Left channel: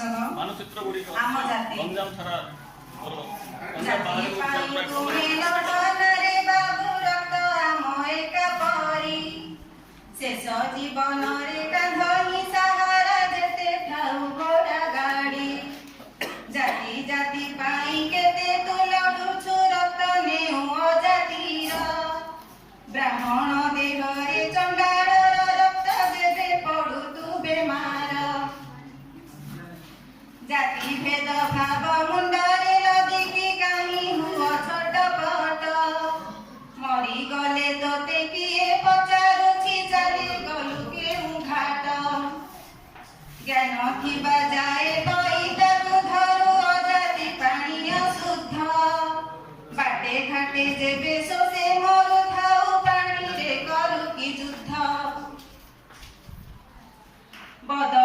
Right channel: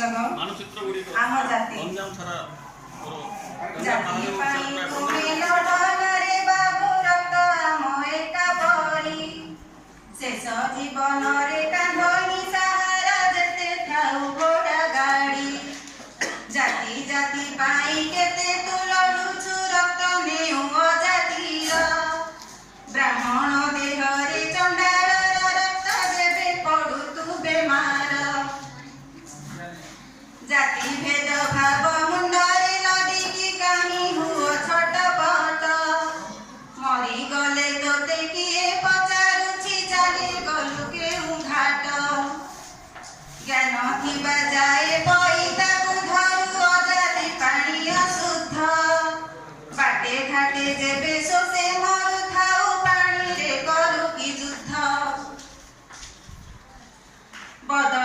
मानचित्र गुड़िक आम जाति गंजाम छड़ा जाति पाई तुमे लड़न रे बाबू रक्त आम एका परी शेष जीवन रे कांधनी सहारा जेते थाउ घोड़ा गाड़ी जाति जाति पाई केते तू लड़ुछु रक्त नेउ अजातिर ब्राह्मण देह रे चंडाल रक्त जेबे पड़ु तू बेमार जाति भेद भाव मुंडरे लदी की कामी हुआ छटपट मरी गले तोते किए पचारुछि चाली गलु केउ घाट ज्ञान थिबा जाए बईताकु धरु अजाति पानी अशुद्ध बाटे घाटे जेबे सोसे मरु थाउ पानी रे करू की युद्ध बद